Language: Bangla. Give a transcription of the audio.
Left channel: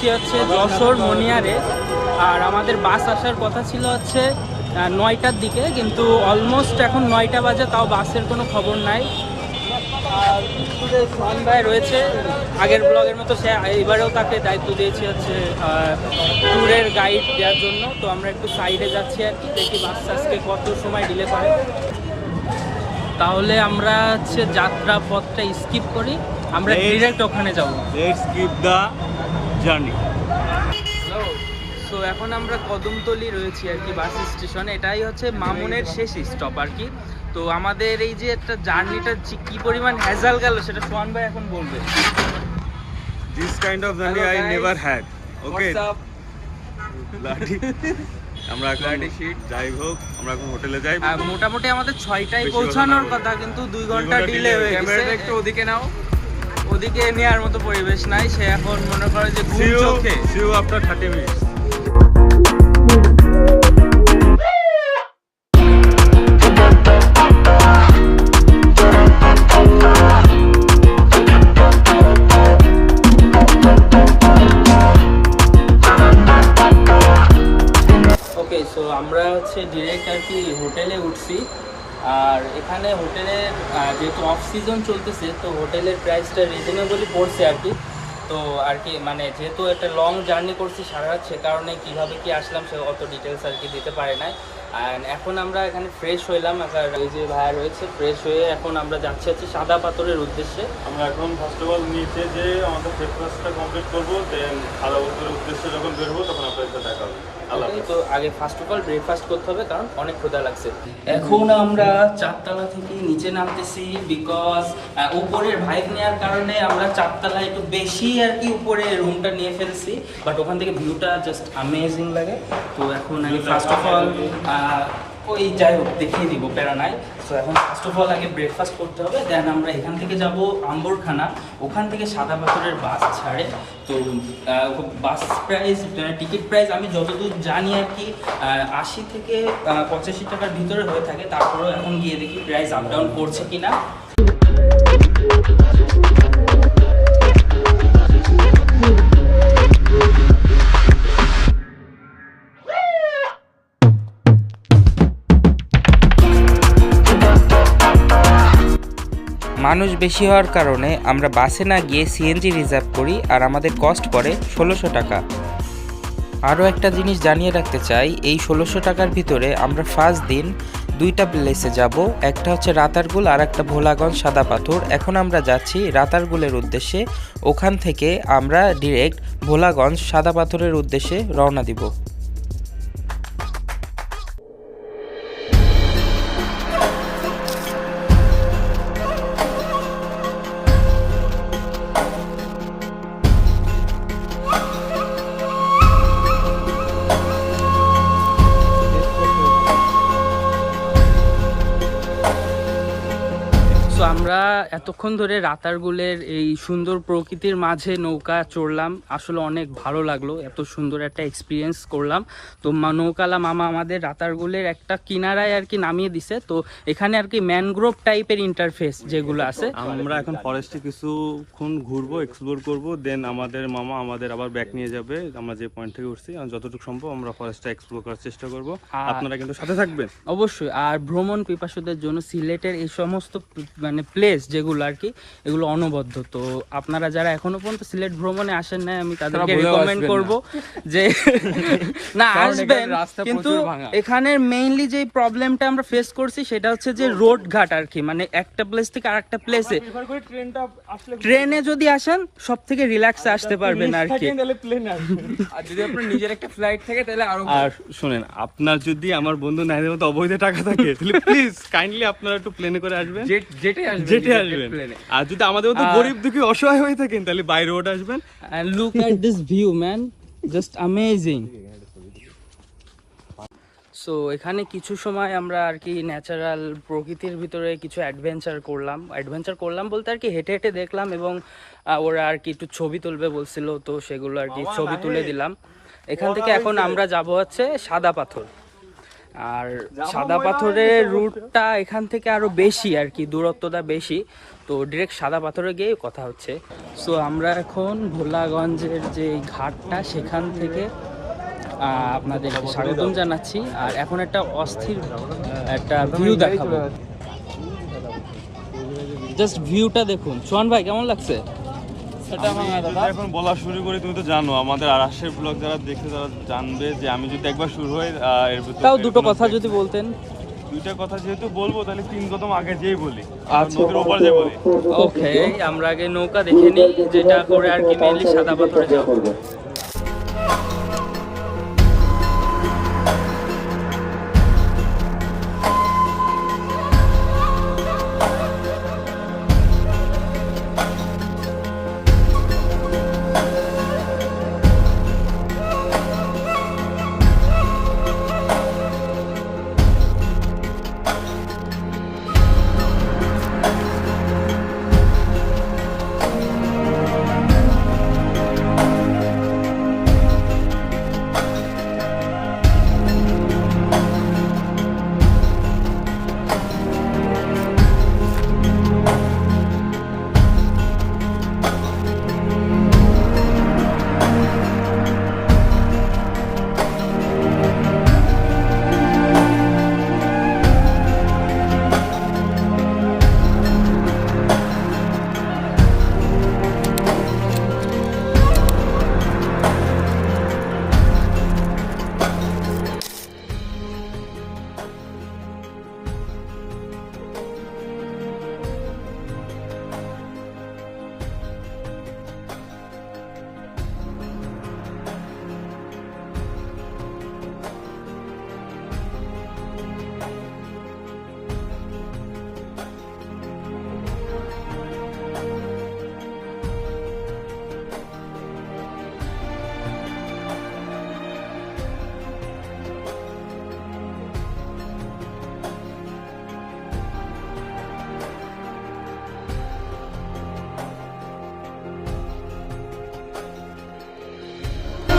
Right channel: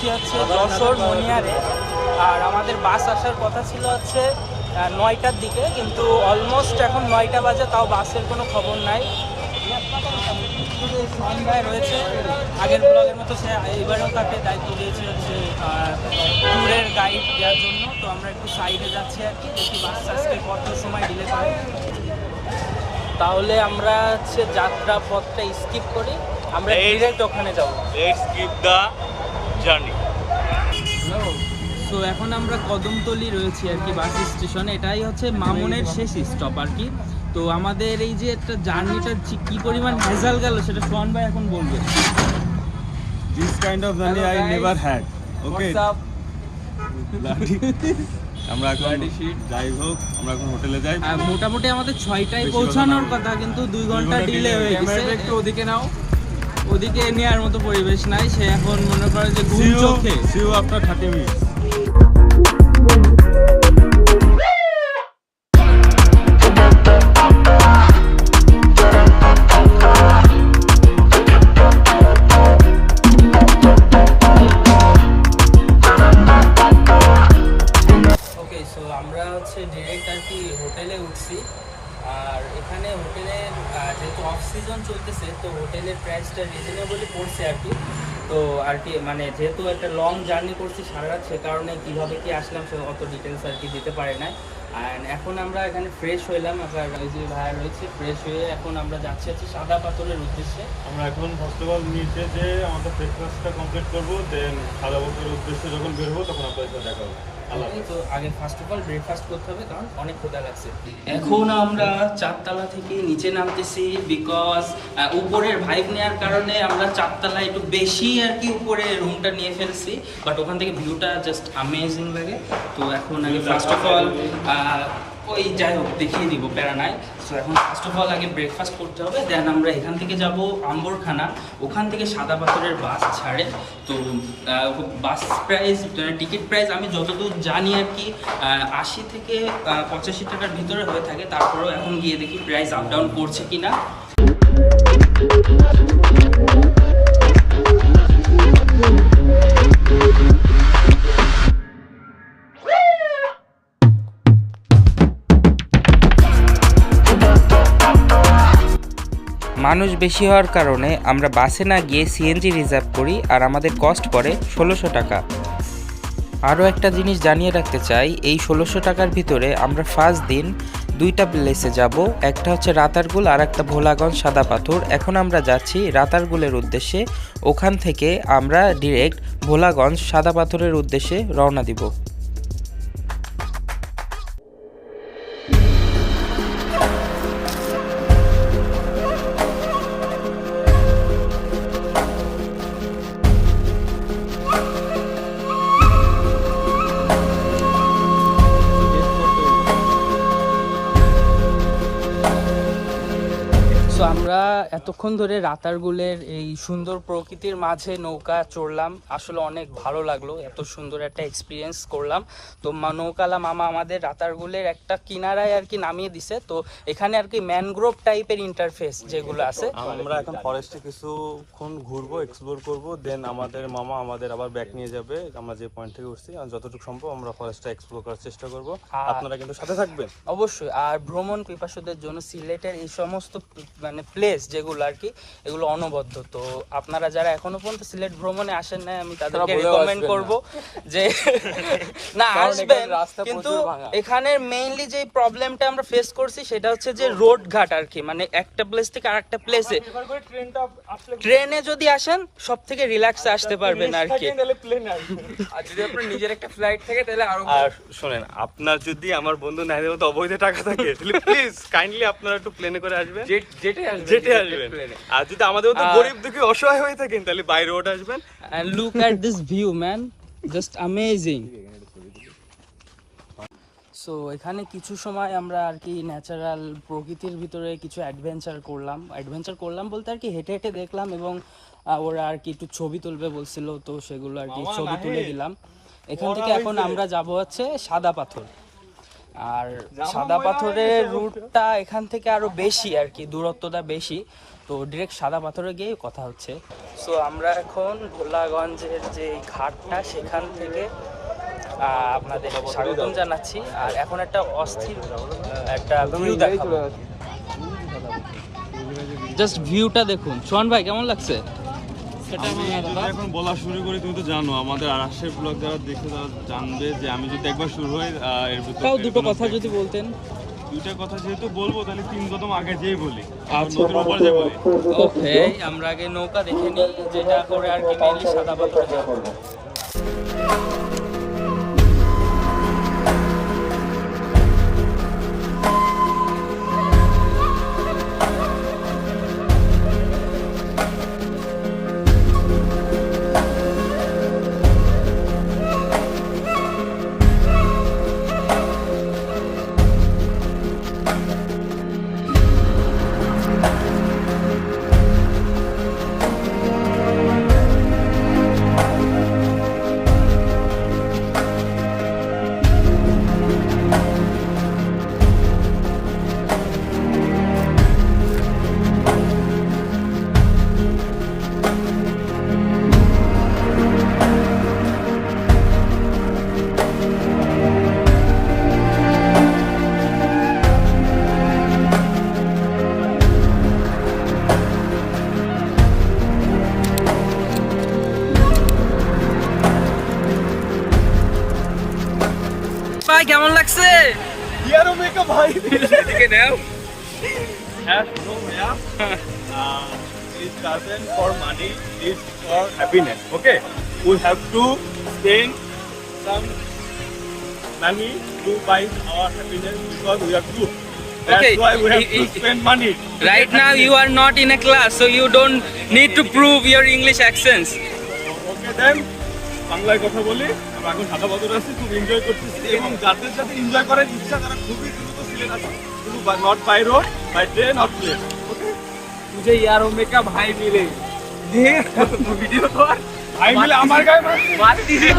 যাচ্ছি হচ্ছে যশোর মনিয়ারে। আর আমাদের বাস আসার কথা ছিল হচ্ছে 9টার দিকে, কিন্তু অলমোস্ট এখন 9টা বাজে, তাও বাসের কোনো খবর নাই। আর সোহান ভাই রয়েছে আগের ব্লগের মতো, সে এবারেও তাকে দায়িত্ব দিয়েছি হচ্ছে ট্যুরের গাইড দেওয়ার জন্য। তো আমরা একটু সাইডে যাচ্ছি আর কি, দেখি বাস আজকে কত সময় ডিলে করে। তাহলে আমরা হচ্ছে যাত্রা পথটা স্কিপ করি, আমরা ডিরেক্ট ওখানে যাবো। Let's skip the journey. তো এখন আমরা কদমতলি রয়েছি আর কি বাস স্টেশনে। এটাই হচ্ছে মামুনের শেষ স্টপ আর কি। তো আমাদের এই যে একটা জার্নিটা কি পরিমাণ হ্যাজাল গেল সেটা সোহান ভাই এখন বলবে। This kind of journey I never had. Okay. আমরা এখন যাই হোক, আমরা এখন হোটেলে যাই। মোটামুটি আমাদের 6টায় পৌঁছানোর কথা, কিন্তু 2 ঘন্টা ডিলে হয়ে গেছে। একটু ওদিকে নাও, ওদিকে নেওয়ার মতো পরিবেশ নাই। সে এখন মনে করে যে ঘুম চোখে। See you after 30 minutes. আমরা হচ্ছে ডিরেক্ট আর কি হোটেলে উঠছি। আর এখানে হোটেলের যেহেতু অফ সিজন চলতেছে, তো হোটেলের প্রাইসটা রিজনেবলই পড়ছে আর কি। তো আর কি মানে যেহেতু একটা লং জার্নি করছি সারা রাত, সে কারণে কীভাবে কি আসলাম সে অত ডিটেলস আর কি দিতে পারে নাই। অ্যান্ড এখন আমরা এখানে ফ্রেশ হইলাম, আবার এই যে ভাইয়া রয়েছে, ফ্রেশ হয়ে এখন আমরা যাচ্ছি হচ্ছে সাদা পাথরের উদ্দেশ্যে। আমরা এখন ফার্স্ট অফ অল নিচে যে আমাদের ব্রেকফাস্টটা কমপ্লিট করবো, দেন সাদা পাথরের উদ্দেশ্যে যখন বেরোবো তখন আপনাদের সাথে দেখা হবে। তো আগে ফার্স্ট অফ অল ব্রেকফাস্ট করতে হবে, কারণ অনেক ক্ষুধা লাগছে। এখন আমরা 4তলা থেকে নিচে নামতেছি, বিকজ উপরের ভাইব নেওয়ার কারণে আমরা 4তলায় একটু বেশি আর কি উপরে রুমটা নিয়ে ফেলছি, বাট ওখান থেকে ভিউটা জাস্ট আমেজিং লাগে। তো এখন আগে ফার্স্ট অফ অল ওই যাই হোক দেখিয়ে দিব, প্যারা নাই। সো এখন ফার্স্ট অফ অল আগে ব্রেকফাস্ট করতে হবে, দেন আমরা এখান থেকে যাব আম্বরখানা, ওখান থেকে সাদা পাথরের বাস ছাড়ে। তো বাস প্রাইস, টিকিট প্রাইস আমি যতদূর জানি আর কি 80 থেকে 85 টাকার ভিতরে হয়ে থাকে। তারপরেও এখন গিয়ে দেখি প্রাইস আপ ডাউন করছে কিনা। মানুষ বেশি হওয়ার কারণে আমরা বাসে না গিয়ে সিএনজি রিজার্ভ করি, আর আমাদের কস্ট পড়ে 1600 টাকা। আরও একটা জিনিস জানিয়ে রাখতে চাই, এই 1600 টাকার ভিতরে আমরা ফার্স্ট দিন 2টা প্লেসে যাব, একটা হচ্ছে রাতারগুল আর একটা ভোলাগঞ্জ সাদা পাথর। এখন আমরা যাচ্ছি রাতারগুলের উদ্দেশ্যে, ওখান থেকে আমরা ডিরেক্ট ভোলাগঞ্জ সাদা পাথরের উদ্দেশ্যে রওনা দিব। আমরা এতক্ষণ ধরে রাতারগুলের এই সুন্দর প্রকৃতির মাঝে নৌকা চড়লাম, আসলে অনেক ভালো লাগলো, এত সুন্দর একটা এক্সপিরিয়েন্স করলাম। তো নৌকালা মামা আমাদের রাতারগুলের একটা কিনারায় আর কি নামিয়ে দিছে। তো এখানে আর কি ম্যানগ্রোভ টাইপের ইন্টারফেস যেগুলো আছে, আমরা এখন ফরেস্টে কিছুক্ষণ ঘুরবো, এক্সপ্লোর করবো, দেন আমাদের মামা আমাদের আবার ব্যাক নিয়ে যাবে আমরা যে পয়েন্ট থেকে উঠছি। যতটুকু সম্ভব আমরা ফরেস্টটা এক্সপ্লোর করার চেষ্টা করবো, আপনারা কিন্তু সাথে থাকবেন অবশ্যই। আর ভ্রমণ পিপাসুদের জন্য সিলেটের এই সমস্ত মানে প্লেস যেগুলো আর কি, এগুলো অনবদ্য। তো আপনারা যারা এখনো পর্যন্ত সিলেট ভ্রমণে আসেন না, আমি তাদেরকে রিকমেন্ড করব যে না আসবেন, কিন্তু এখানের মেইনলি যে প্রবলেমটা আমরা ফেস করছি সেটা হচ্ছে যে রোড ঘাট আর কি, মানে একটা প্লেস থেকে আরেকটা প্লেসে ট্রেনে যদি আসেন সব থেকে রিল্যাক্সে আসতে পারবেন আর কি। আর যদি আপনার নিজের একটা ফ্লাইট থাকে তাহলে আরো। আর শুনেন, আপনার যদি আমার বন্ধু নাইদের মতো অবৈধ টাকা থাকে তাহলে প্লিজ কাইন্ডলি আপনারা একটু প্লেনে করে আসবেন, যেটাই আসবেন। আর যদি আমাদের মতো গরিব দুঃখী অসহায় হয়ে থাকেন তাহলে বাই রোড আসবেন। Look at this view man, just amazing. So এখানে কিছু সময় আমরা আর কি ন্যাচারাল প্রকৃতির ভিতরে কিছু অ্যাডভেঞ্চার করলাম বলতে আর কি হেঁটে হেঁটে দেখলাম, এবং ওরা আর কি একটু ছবি তুলবে বলছিল, তো সেগুলো আর কি ছবি তুলে দিলাম। এখান থেকে এখন আমরা যাব হচ্ছে সাদা পাথর। আর সাদা পাথরের রুটটা এখান থেকে আরো বেশি আর কি, দূরত্বটা বেশি, তো ডিরেক্ট সাদা পাথরে গিয়ে কথা হচ্ছে। সো আমরা এখন ভোলাগঞ্জের যে ঘাটটা সেখান থেকে আপনাদেরকে স্বাগতম জানাচ্ছি। আর এখন একটা অস্থির একটা ভিউ দেখাবো, জাস্ট ভিউটা দেখুন। সোহান ভাই কেমন লাগছে? এখন বলা শুরু করি, তুমি তো জানো আমাদের আরাশের ব্লগ যারা দেখে তারা জানবে যে আমি যদি একবার শুরু হই এর ভিতরে তাও দুটো কথা যদি বলতেন। দুইটা কথা যেহেতু বলবো তাহলে 3 কদম আগে যেই বলি, নদীর ওপর যে বলি। ওকে, আমরা আগে নৌকা দেখে নিই, যেটা করে আর কি মেইনলি সাদা পাথরে যাবো। ভাই কেমন লাগছে? ইয়ারো মেকা ভাই এদিকে নাও। It doesn't for money, it's for happiness. Okay, we have to spend some money to buy our happiness because we are good. That's Okay. why we have to spend money. Right now you are not in a class, so you don't need to prove your English accents. Okay then, বাংলায় কথা বলি। আমরা এখন সাদা বদর আছি, খুব এনজয় করতেছি এবং যাদের সাথে এনজয় করার ইচ্ছা তারা খুবই দ্রুত সিলেট আসে, শুধু not by road, by train, not plane. मुझे यार ओमेगा भाई मिले ভিডিও তো ভাই মিলে আমার গায়ে मारती है